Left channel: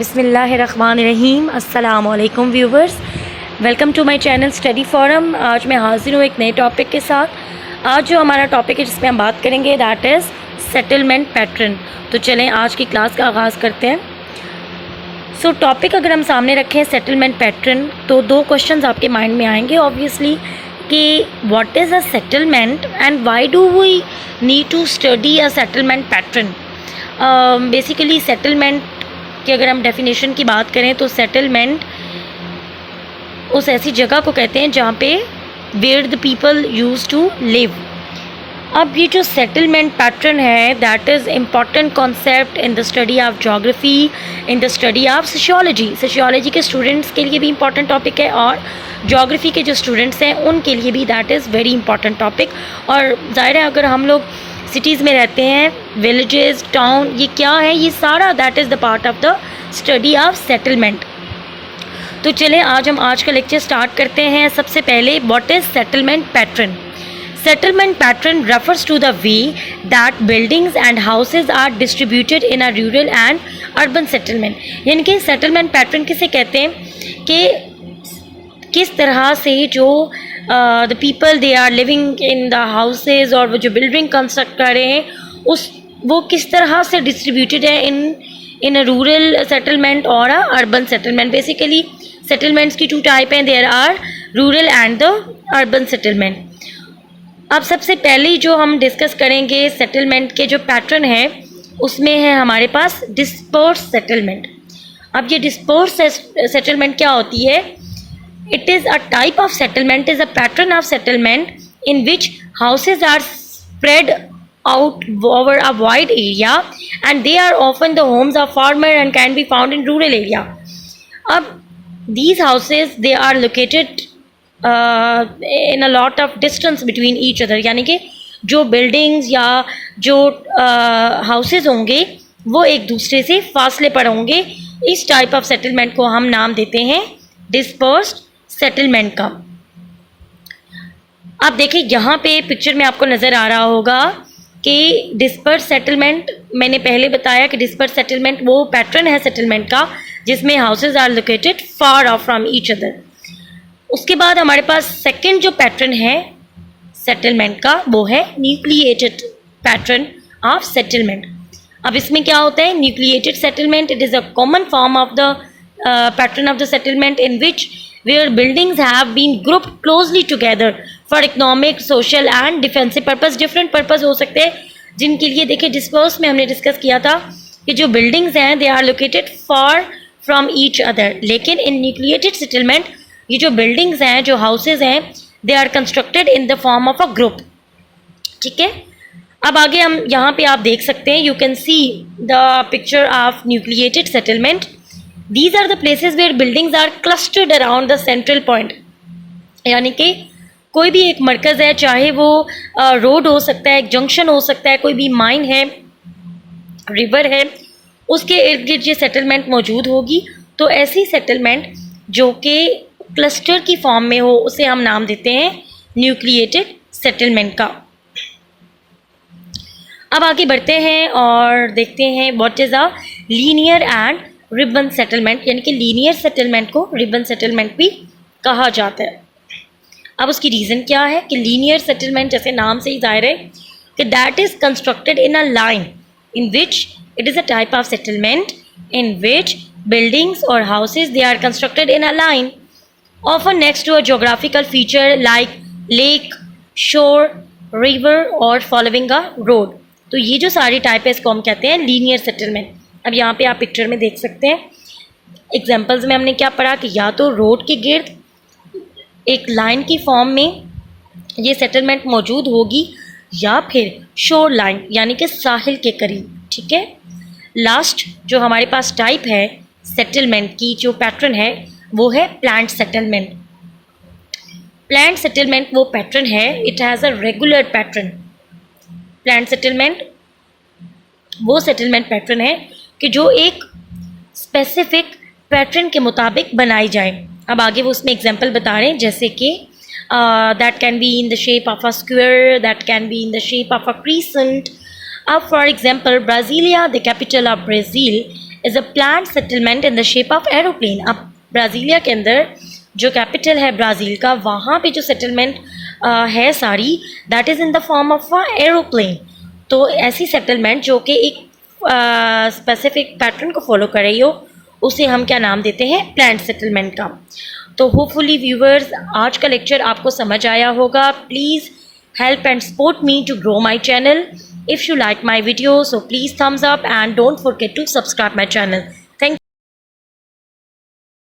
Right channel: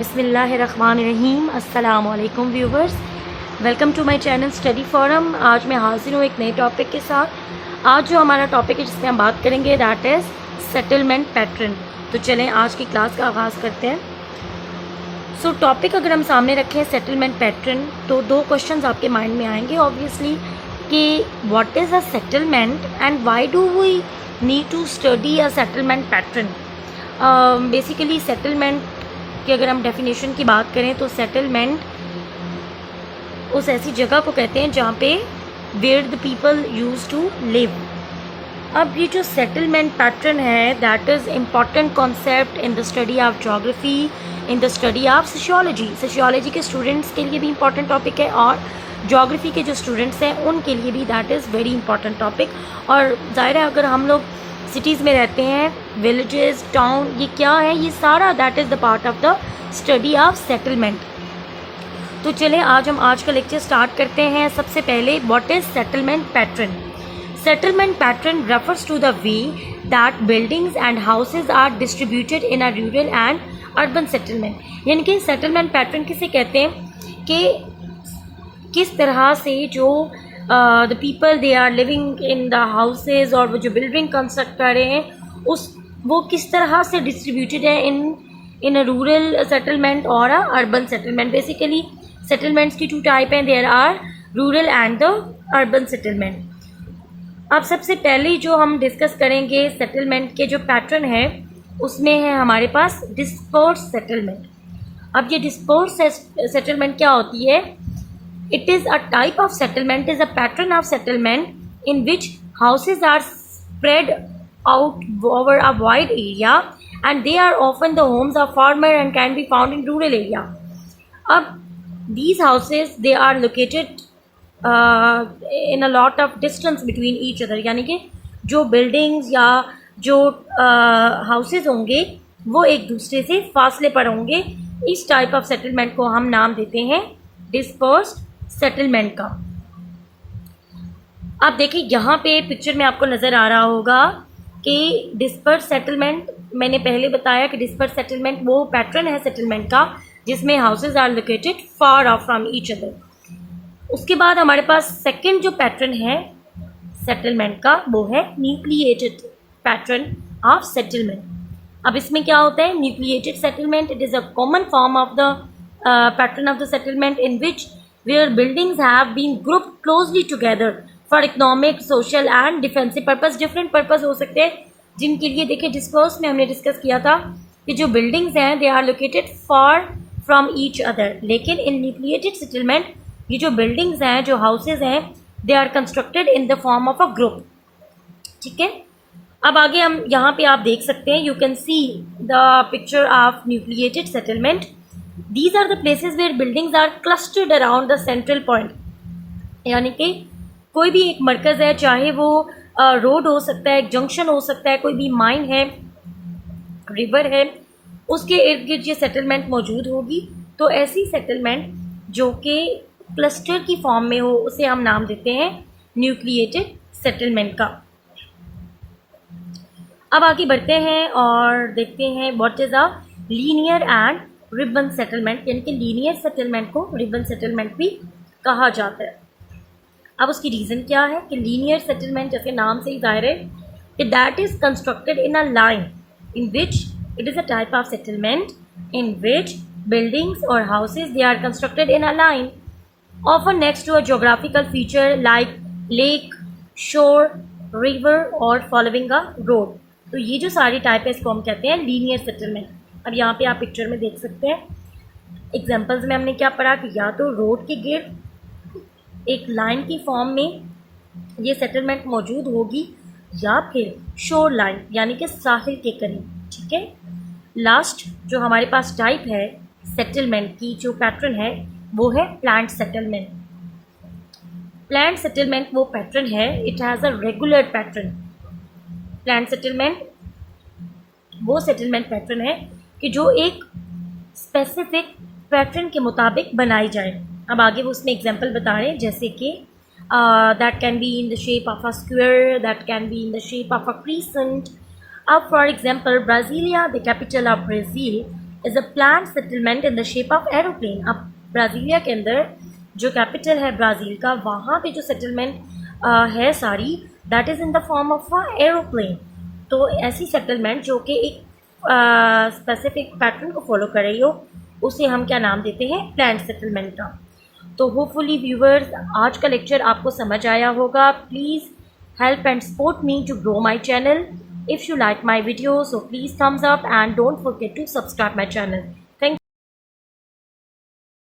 बिस्मिल्लाहिर्रहमानिर्रहीम। अस्सलामुअलैकुम viewers, welcome to my channel study forum. आज मैं हाजिर हूँ एक नए टॉपिक के साथ। आज जो हमारा टॉपिक है जिसमें हम बात करेंगे दैट इज़ सेटलमेंट पैटर्न। तो चलें आज की क्लास का आगाज़ करते हैं। सो टॉपिक अगर हम सामने रखें सेटलमेंट पैटर्न, तो दो क्वेश्चंस आपके माइंड में आएंगे ऑब्वियसली कि what is a settlement and why do we need to study a settlement pattern. Basically settlement कि अगर हम डेफिनेशन की बात करें तो सेटलमेंट उस ऐसी जगह को कहते हैं जहाँ पे where the people use to live. अब ये जो सेटलमेंट पैटर्न है that is important concept in the study of geography, in the study of sociology के स्टूडेंट्स के लिए भी इम्पॉर्टेंट टॉपिक है और जोग्राफ़ी के जो स्टूडेंट्स हैं उनके लिए भी that is very important topic. और ज़ाहिर है अगर हम लोग सिटीज़ में रहते हैं, विलेजेस, टाउन, ये क्या है, ये सारा that is the part of the study of settlement. तो चलें आज हम आज का लेक्चर स्टार्ट करते हैं। सबसे पहले what is settlement pattern. Settlement pattern refers to the way that buildings and houses are distributed in a rural and urban settlement. यानी कि सेटलमेंट पैटर्न किसे कहते हैं कि किस तरह से जो the people they are living in the houses और वो जो बिल्डिंग कंस्ट्रक्ट कर रहे हैं वो किस तरह से डिस्ट्रीब्यूटेड है इन अ रूरल सेटलमेंट और a urban settlement. Basically settlements की टू टाइप हैं, there are rural and the urban settlement. अब सबसे पहले जो हम डिस्कस करेंगे सेटलमेंट के जो पैटर्न है उसमें है हमारे पास डिस्पर्स सेटलमेंट। अब ये डिस्पर्स सेटलमेंट क्या होती है? It is a type of settlement, is a pattern of settlement in which houses are spread out over a wide area and they are often the homes of farmer and can be found in rural area. Ab these houses they are located in a lot of distance between each other, यानी कि जो buildings या जो houses होंगे वो एक दूसरे से फासले पर होंगे। इस टाइप ऑफ सेटलमेंट को हम नाम देते हैं डिस्पर्स्ड सेटलमेंट का। आप देखिए यहाँ पे पिक्चर में आपको नज़र आ रहा होगा कि डिस्पर्स सेटलमेंट, मैंने पहले बताया कि डिस्पर्स सेटलमेंट वो पैटर्न है सेटलमेंट का जिसमें houses are located far off from each other. उसके बाद हमारे पास सेकंड जो पैटर्न है सेटलमेंट का वो है न्यूक्लिएटेड पैटर्न ऑफ सेटलमेंट। अब इसमें क्या होता है? Nucleated settlement, it is a common form of the pattern of the settlement in which where buildings have been grouped closely together for economic, social and defensive purpose। different purpose हो सकते हैं जिनके लिए देखिए डिस्पर्स में हमने discuss किया था कि जो buildings हैं they are located far from each other, लेकिन in nucleated settlement ये जो buildings हैं, जो houses हैं, they are constructed in the form of a group। ठीक है, अब आगे हम यहाँ पे आप देख सकते हैं, you can see the picture of nucleated settlement। These are the places where buildings are clustered around the central point। यानी कि कोई भी एक मरकज़ है, चाहे वो रोड हो सकता है, एक जंक्शन हो सकता है, कोई भी माइन है, रिवर है, उसके इर्द गिर्द ये सेटलमेंट मौजूद होगी। तो ऐसी सेटलमेंट जो कि क्लस्टर की फॉर्म में हो उसे हम नाम देते हैं न्यूक्लिएटेड सेटलमेंट का। अब आगे बढ़ते हैं और देखते हैं what is a linear and ribbon settlement. यानी कि लीनियर सेटलमेंट को रिबन सेटलमेंट भी कहा जाता है। अब उसकी रीज़न क्या है कि लीनियर सेटलमेंट जैसे नाम से ही जाहिर है कि that is constructed in a line in which it is a type of settlement in which buildings और houses they are constructed in a line often next to a geographical feature like lake, shore, river और following a road. तो ये जो सारी type है इसको हम कहते हैं लीनियर सेटलमेंट। अब यहाँ पे आप पिक्चर में देख सकते हैं, एग्जांपल्स में हमने क्या पढ़ा कि या तो रोड के गिर्द एक लाइन की फॉर्म में ये सेटलमेंट मौजूद होगी या फिर शोर लाइन यानी कि साहिल के करीब। ठीक है, लास्ट जो हमारे पास टाइप है सेटलमेंट की जो पैटर्न है वो है प्लांट सेटलमेंट। प्लांट सेटलमेंट वो पैटर्न है, it has a regular pattern. Plant settlement वो सेटलमेंट पैटर्न है कि जो एक स्पेसिफिक पैटर्न के मुताबिक बनाई जाए। अब आगे वो उसमें एग्जांपल बता रहे हैं जैसे कि that can be in the shape of a square, that can be in the shape of a crescent. अब for example Brasilia, the capital of Brazil, is a planned settlement in the shape of aeroplane. अब Brasilia के अंदर जो capital है Brazil का, वहाँ पे जो सेटलमेंट है सारी, that is in the form of a aeroplane. तो ऐसी सेटलमेंट जो कि एक स्पेसिफिक पैटर्न को फॉलो कर रही हो, उसे हम क्या नाम देते हैं? प्लान्ड सेटलमेंट का। तो होपफुली व्यूवर्स आज का लेक्चर आपको समझ आया होगा। Please help and support me to grow my channel. If you like my video, so please thumbs up and don't forget to subscribe my channel.